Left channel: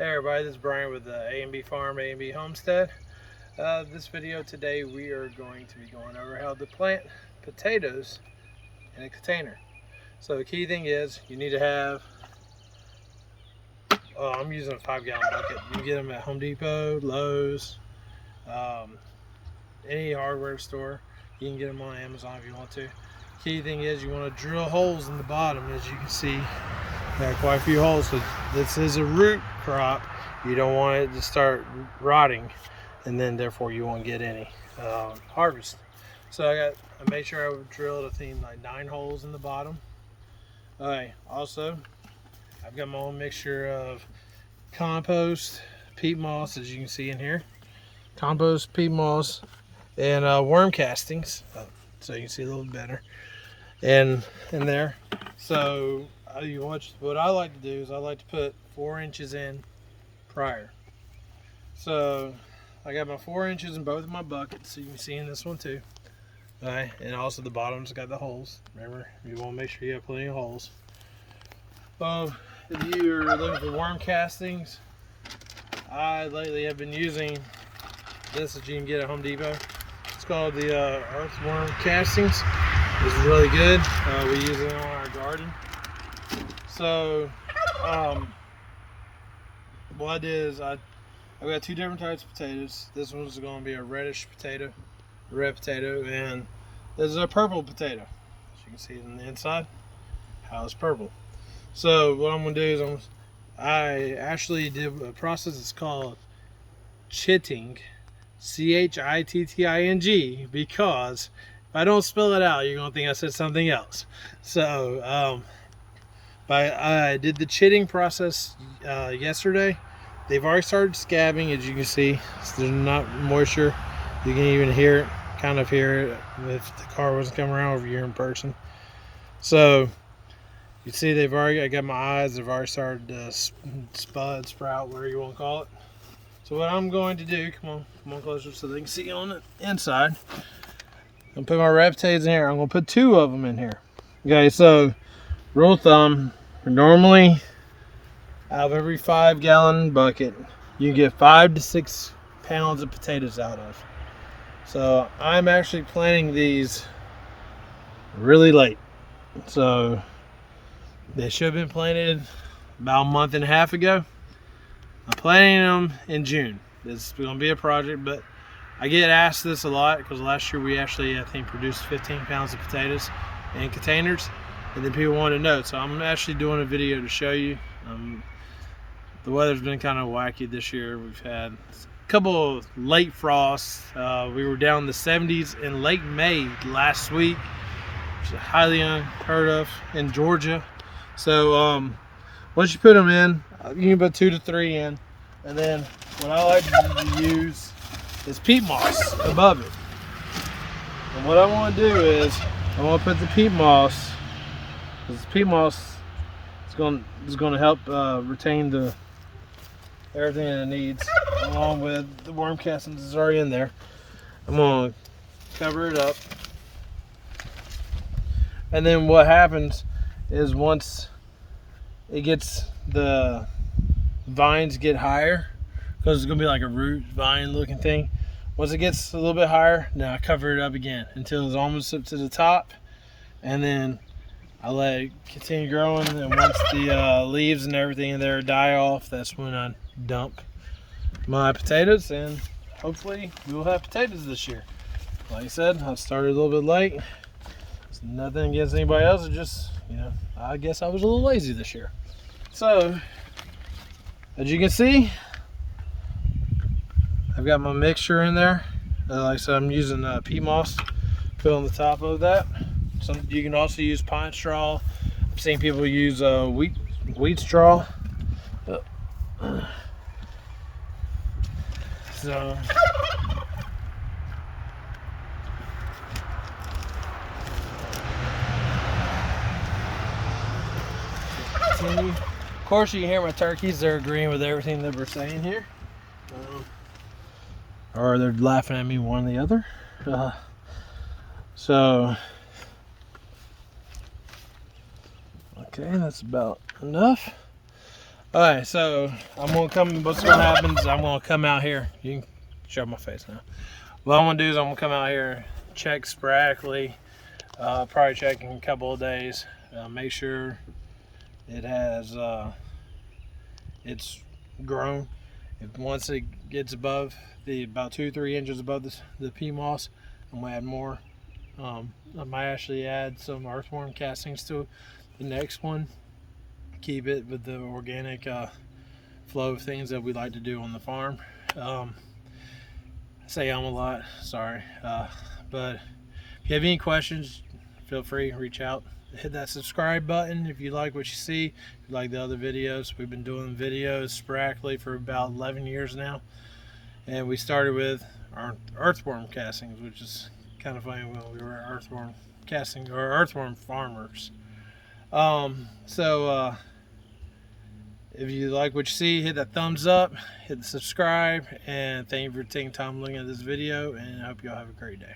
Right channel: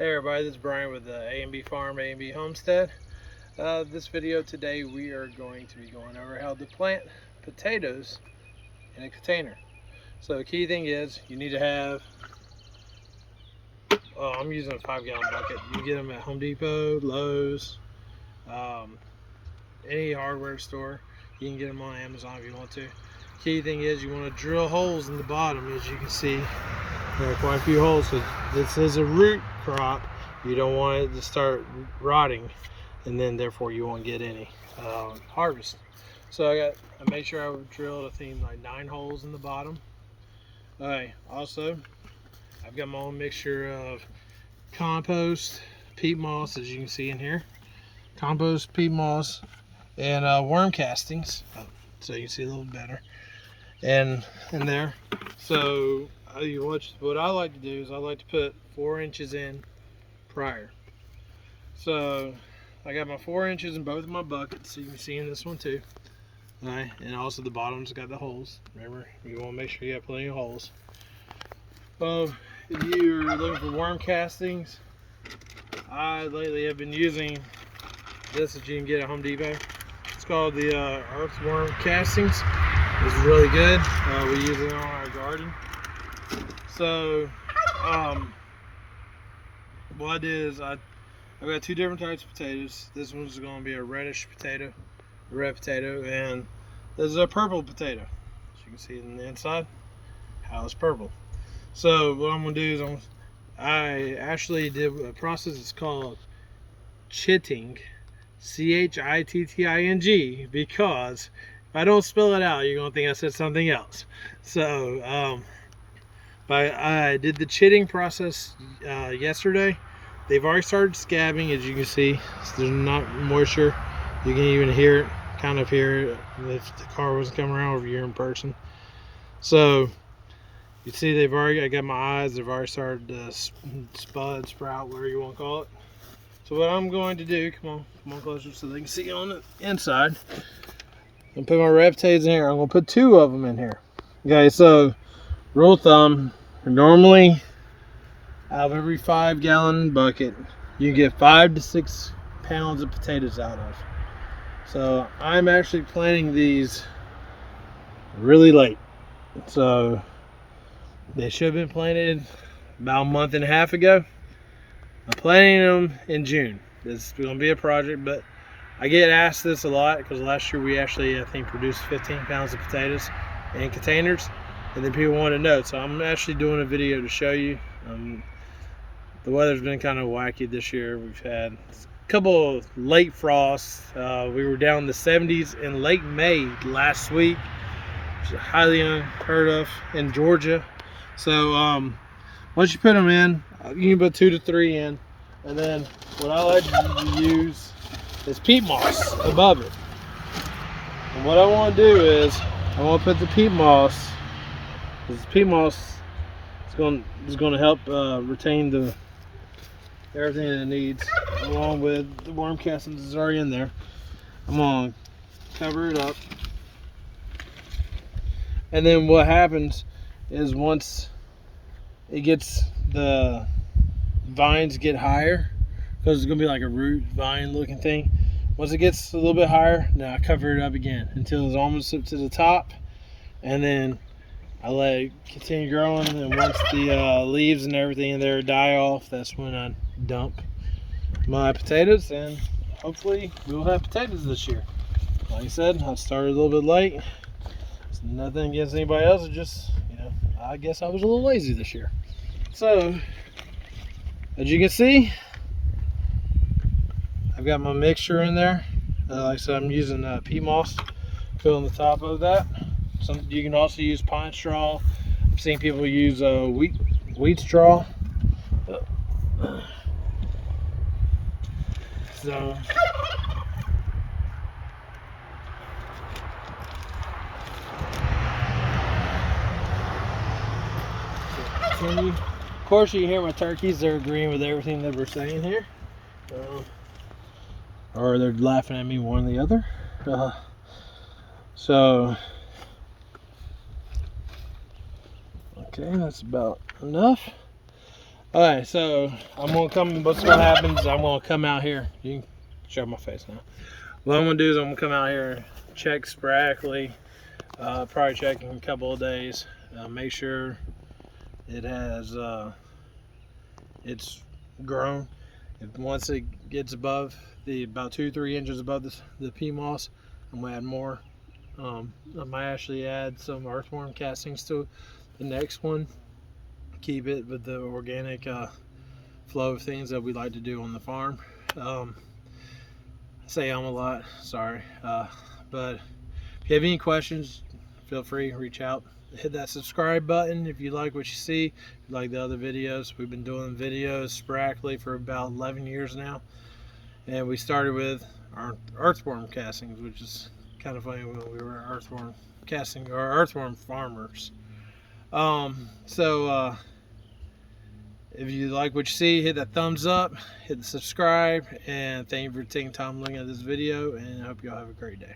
Hey everybody, this is Brian with A&B Farm, A&B Homestead. This video today we are going to be going over how to plant potatoes in a container. So the key thing is you need to have, I'm using a 5-gallon bucket. You can get them at Home Depot, Lowe's, any hardware store. You can get them on Amazon if you want to. Key thing is you want to drill holes in the bottom, as you can see. Quite a few holes. So this is a root crop. You don't want it to start rotting, and then therefore you won't get any harvest. So I made sure I would drill a theme like 9 holes in the bottom. Alright, also I've got my own mixture of compost, peat moss, as you can see in here, compost, peat moss, and worm castings, so you can see a little better, and in there. So what I like to do is I like to put 4 inches in prior. So I got my 4 inches in both of my buckets, so you can see in this one too. Alright, and also the bottom's got the holes. Remember, you want to make sure you have plenty of holes. If you're looking for worm castings, I lately have been using this that you can get at Home Depot. It's called the Earthworm Castings. It's really good. We use it on our garden. So what I did is I've got 2 different types of potatoes. This one's going to be a reddish potato, a red potato, and there's a purple potato. As you can see on the inside, how it's purple. So what I'm going to do is I actually did a process that's called chitting, C-H-I-T-T-I-N-G, because if I don't spell it out, you're going to think I said something else. So I did the chitting process yesterday. They've already started scabbing, as you can see. So there's not moisture. You can even hear it, kind of hear it, if the car wasn't coming around over here in person. So you see I got my eyes, they've already started to spud, sprout, whatever you want to call it. So what I'm going to do, come on closer so they can see on the inside. I'm going to put my red potatoes in here. I'm going to put 2 of them in here. Okay, so rule of thumb, normally out of every 5-gallon bucket, you get 5 to 6 pounds of potatoes out of. So I'm actually planting these really late. So they should have been planted about a month and a half ago. I'm planting them in June. This is going to be a project, but I get asked this a lot because last year we actually, I think, produced 15 pounds of potatoes in containers, and then people want to know. So I'm actually doing a video to show you. The weather's been kind of wacky this year. We've had a couple of late frosts. We were down in the 70s in late May last week, which is highly unheard of in Georgia. So once you put them in, you can put 2 to 3 in, and then what I like to use is peat moss above it. And what I want to do is I want to put the peat moss, because the peat moss is going to help retain everything that it needs, along with the worm castings is already in there. I'm going to cover it up, and then what happens is once it gets, the vines get higher, because it's going to be like a root vine looking thing. Once it gets a little bit higher, now I cover it up again until it's almost up to the top, and then I let it continue growing. And once the leaves and everything in there die off, that's when I dump my potatoes, and hopefully we'll have potatoes this year. Like I said, I started a little bit late. It's nothing against anybody else. It's just, I guess I was a little lazy this year. So as you can see, I've got my mixture in there. Like I said, I'm using peat moss, put on the top of that. You can also use pine straw. I've seen people use wheat straw. So continue. Of course, you can hear my turkeys. They're agreeing with everything that we're saying here, or they're laughing at me, one or the other. So okay, that's about enough. All right, so what's gonna happen is I'm gonna come out here. You can show my face now. What I'm gonna do is I'm gonna come out here and check sporadically, probably check in a couple of days, make sure it has, it's grown. Once it gets above about 2-3 inches above the pea moss, I'm gonna add more. I might actually add some earthworm castings to the next one. Keep it with the organic flow of things that we like to do on the farm. I say a lot, sorry. But if you have any questions, feel free to reach out. Hit that subscribe button if you like what you see. If you like the other videos, we've been doing videos sporadically for about 11 years now. And we started with our earthworm castings, which is kind of funny when we were earthworm casting or earthworm farmers. If you like what you see, hit that thumbs up, hit the subscribe, and thank you for taking time looking at this video, and I hope you all have a great day.